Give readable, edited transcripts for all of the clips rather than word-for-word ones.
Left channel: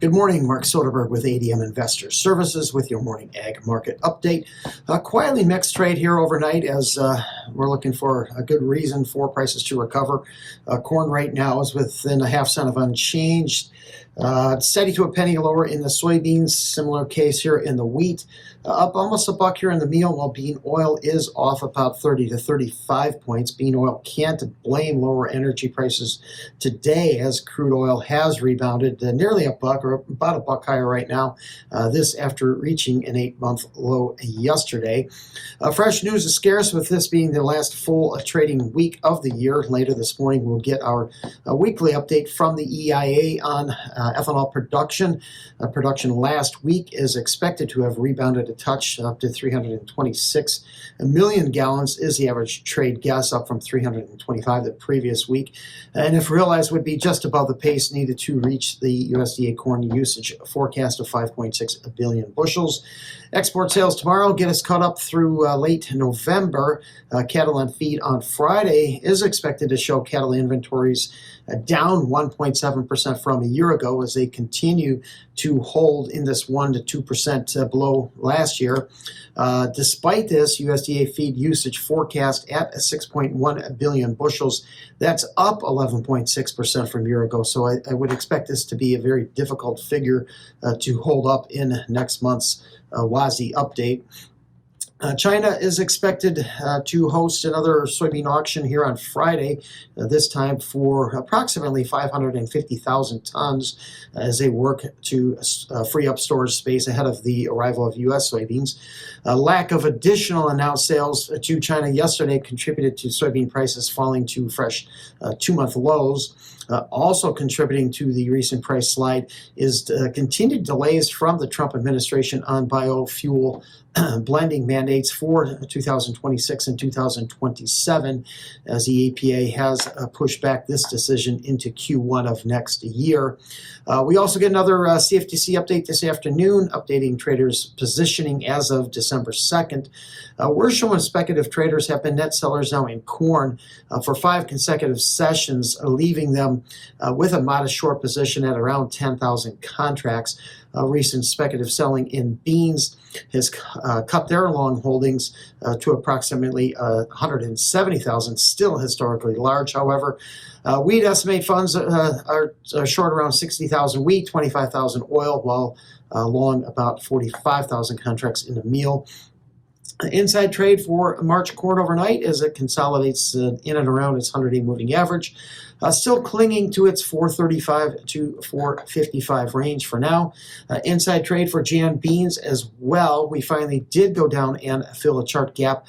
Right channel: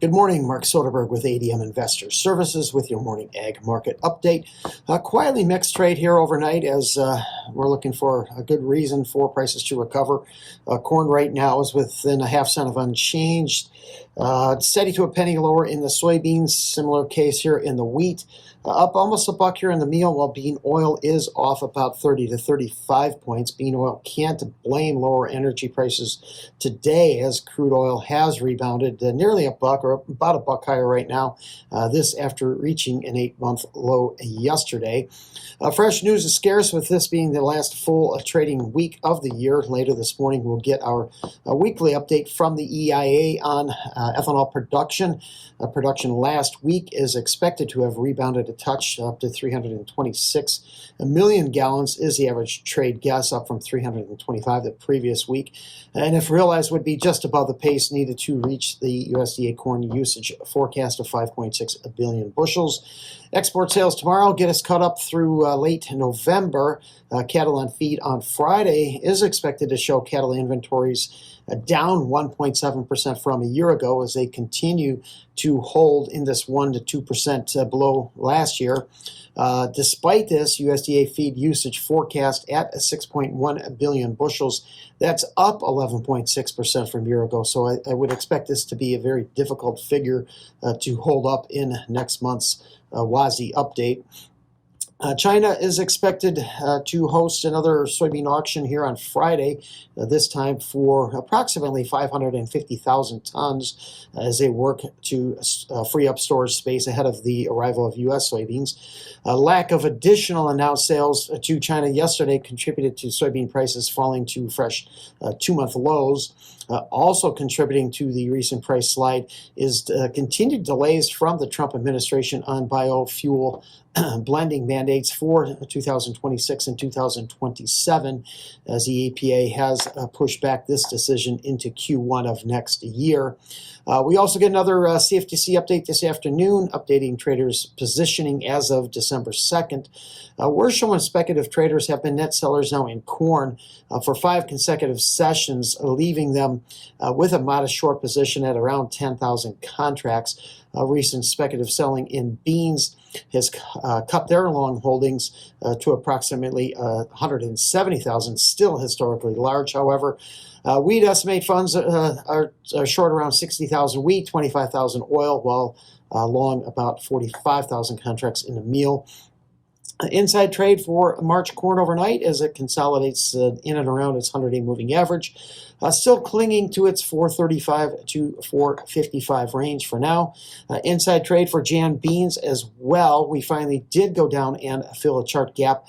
Good morning, Mark Soderberg with ADM Investor Services with your morning ag market update. Quietly mixed trade here overnight as we're looking for a good reason for prices to recover. Corn right now is within a half cent of unchanged. Steady to a penny lower in the soybeans. Similar case here in the wheat. Up almost a buck here in the meal, while bean oil is off about 30 to 35 points. Bean oil can't blame lower energy prices today as crude oil has rebounded nearly a buck, or about a buck higher right now, this after reaching an 8-month low yesterday. Fresh news is scarce, with this being the last full trading week of the year. Later this morning, we'll get our weekly update from the EIA on ethanol production. Production last week is expected to have rebounded a touch up to 326 million gallons is the average trade guess, up from 325 the previous week. And if realized, would be just above the pace needed to reach the USDA corn usage forecast of 5.6 billion bushels. Export sales tomorrow get us caught up through late November. Cattle on feed on Friday is expected to show cattle inventories down 1.7% from a year ago as they continue to hold in this 1 to 2% below last year. Despite this, USDA feed usage forecast at 6.1 billion bushels. That's up 11.6% from a year ago. So I would expect this to be a very difficult figure to hold up in next month's WASI update. China is expected to host another soybean auction here on Friday, this time for approximately 550,000 tons as they work to free up storage space ahead of the arrival of U.S. soybeans. Lack of additional announced sales to China yesterday contributed to soybean prices falling to fresh 2-month lows. Also contributing to the recent price slide is continued delays from the Trump administration on biofuel blending mandates for 2026 and 2027, as the EPA has pushed back this decision into Q1 of next year. We also get another CFTC update this afternoon, updating traders' positioning as of December 2nd. We're showing speculative traders have been net sellers now in corn for 5 consecutive sessions, leaving them with a modest short position at around 10,000 contracts. Recent speculative selling in beans has cut their long holdings to approximately 170,000, still historically large, however. Wheat estimate funds are short around 60,000 wheat, 25,000 oil, while long about 45,000 contracts in the meal. Inside trade for March corn overnight as it consolidates in and around its 100-day moving average. Still clinging to its 435 to 455 range for now. Inside trade for Jan beans as well. We finally did go down and fill a chart gap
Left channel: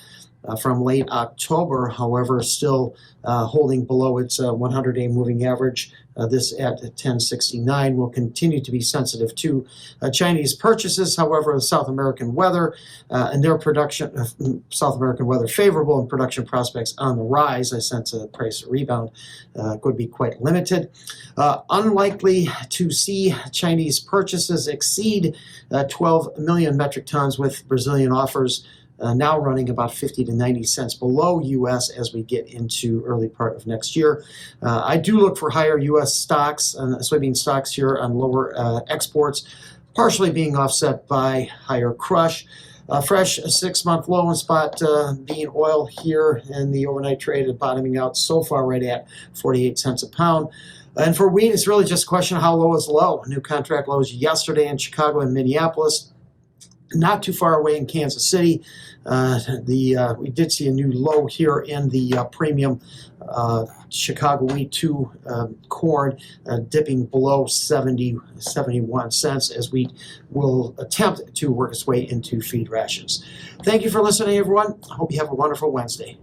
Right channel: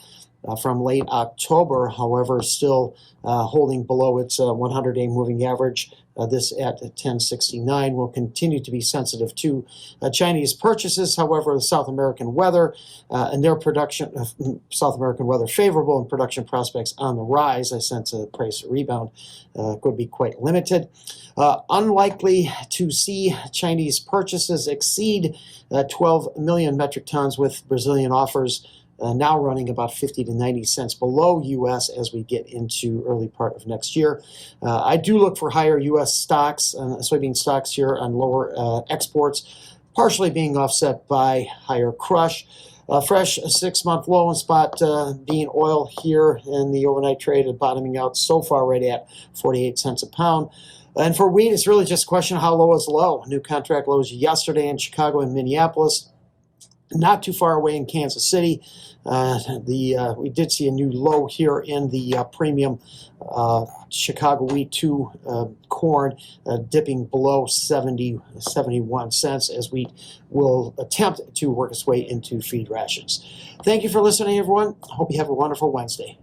from late October, however, still holding below its 100-day moving average. This at 1069 will continue to be sensitive to Chinese purchases. However, the South American weather and their production, South American weather favorable and production prospects on the rise. I sense a price rebound could be quite limited. Unlikely to see Chinese purchases exceed 12 million metric tons, with Brazilian offers now running about 50 to 90 cents below U.S. as we get into early part of next year. I do look for higher U.S. stocks, soybean stocks here on lower exports, partially being offset by higher crush. Fresh 6-month low in spot bean oil here in the overnight trade is bottoming out so far right at 48 cents a pound. And for wheat, it's really just a question of how low is low. New contract lows yesterday in Chicago and Minneapolis, not too far away in Kansas City. We did see a new low here in the premium Chicago wheat 2 corn, dipping below 71 cents as wheat will attempt to work its way into feed rations. Thank you for listening, everyone. I hope you have a wonderful Wednesday.